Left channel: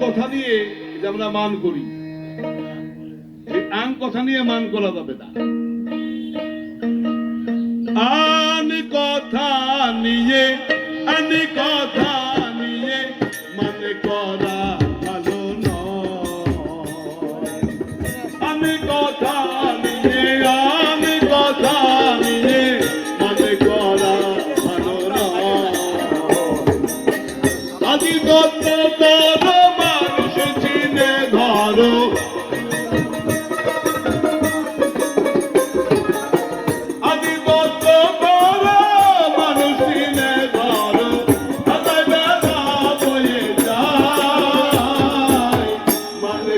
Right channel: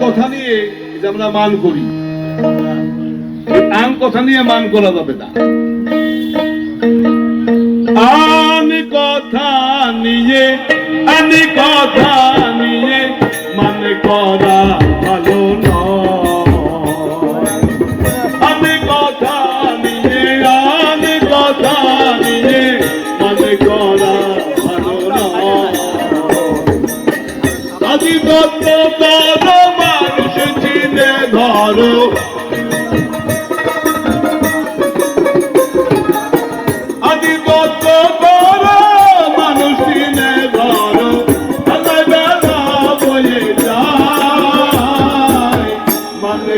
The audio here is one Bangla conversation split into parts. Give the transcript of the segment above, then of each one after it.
কথা নিয়ে আমরা মান করি কথা নিয়ে মান করা যাবে না। আমি কথা নিয়ে আন কথা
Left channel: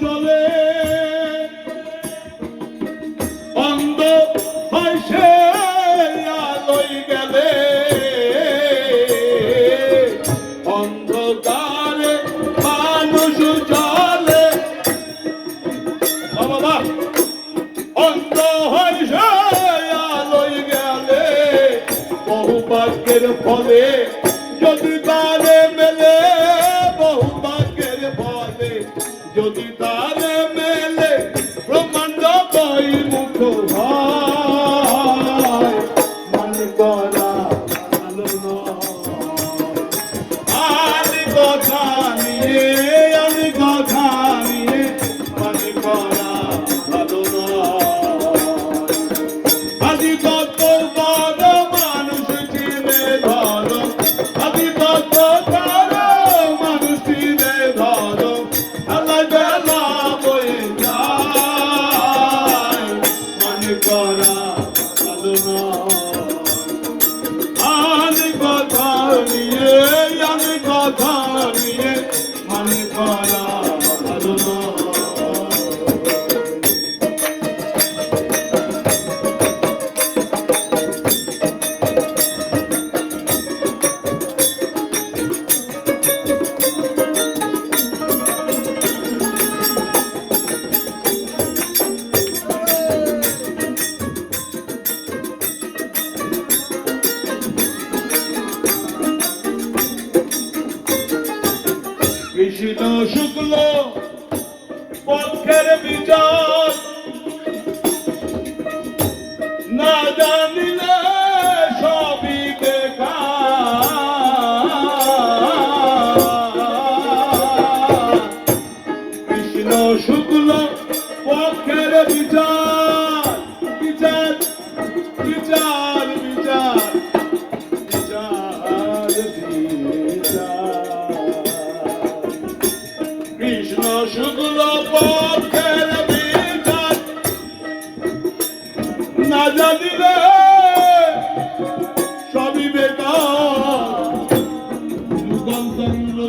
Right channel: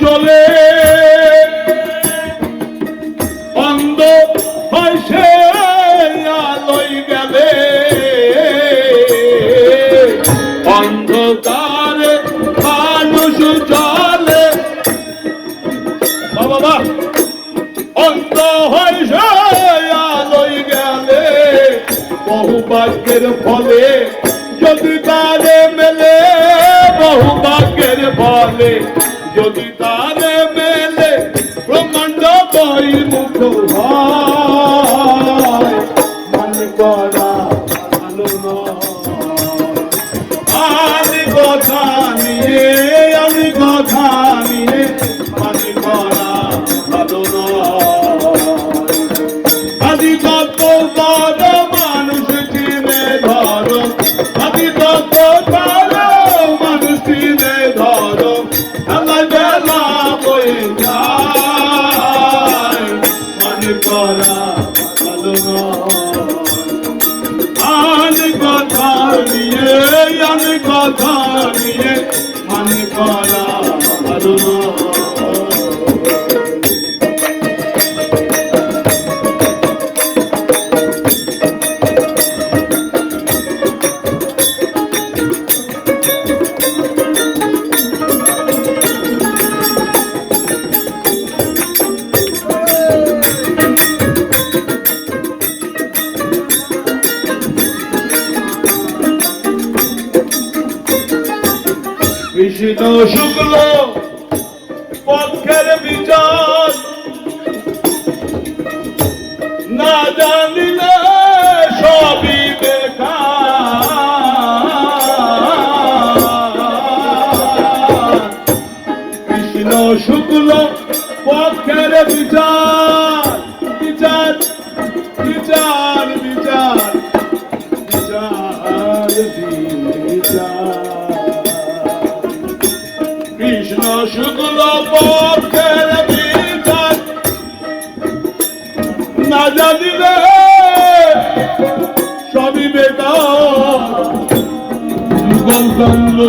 চলে। অন্ধ হয় সে গেলে। অন্ধকার মানুষ চলে। বাবা অন্ধ হয় সে গেলে। বহু বাক্যের ফলে যদি তারে মেলে, বহু বাক্যের ফলে Yo, onde tá Lord. Krishna শুক্ল পক্ষের বিচার। না জানিল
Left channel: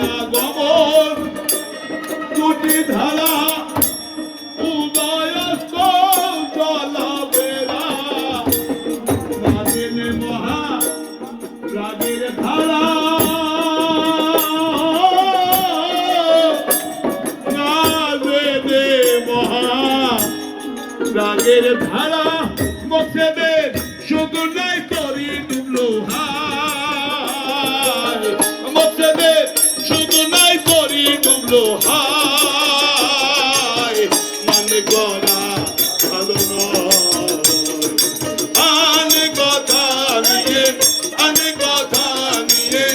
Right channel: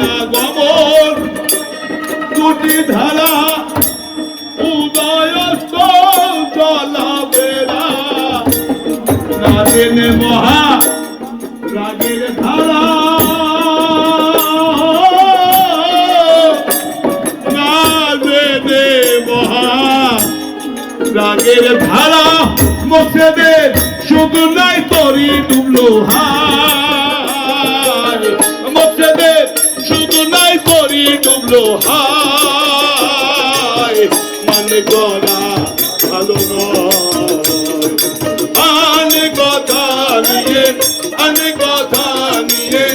না গমন, দুটি ধারা উদয়স্ত জলাবেরা না জেনে মহা, রাগের ধারা। রাগের ধারা। মুখে দে শুধু নাই তরি ডুবলো হা ডুবলো হায় মানে গড়া ভালো নয়। কথা নিয়ে, আনে কথা নিয়ে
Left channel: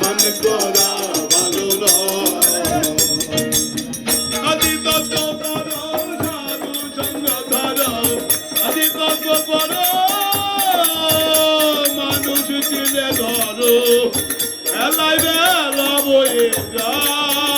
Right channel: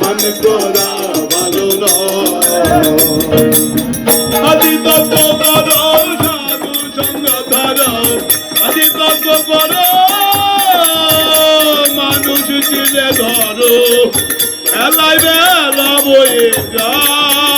মানে গড়া ভালো নয়। ধরো এলাই বেলা বয়ে যায়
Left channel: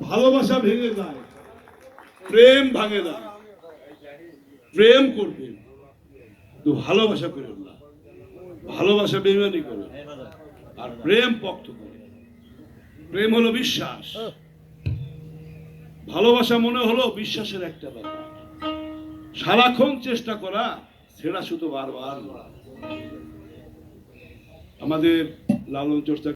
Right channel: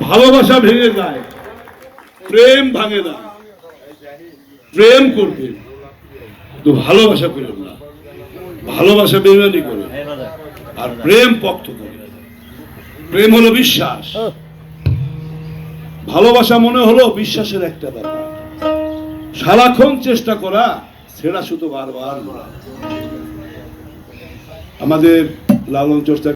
ভালোবাসা ভেঙে যায়। প্রেম ভাঙে না প্রেম করবে। তো ভালোবাসা করেন না। ভালোবাসা বেমানি করে আর প্রেম পক্ত করে প্রেম হলো বিশ্বাস। ভালোবাসা মনে হলো বিশ্বাসের একটা ব্যাপার। সারাক্ষণ চেষ্টা করা, সেটা শুধু বারবার। আমাদের লালন চর্চা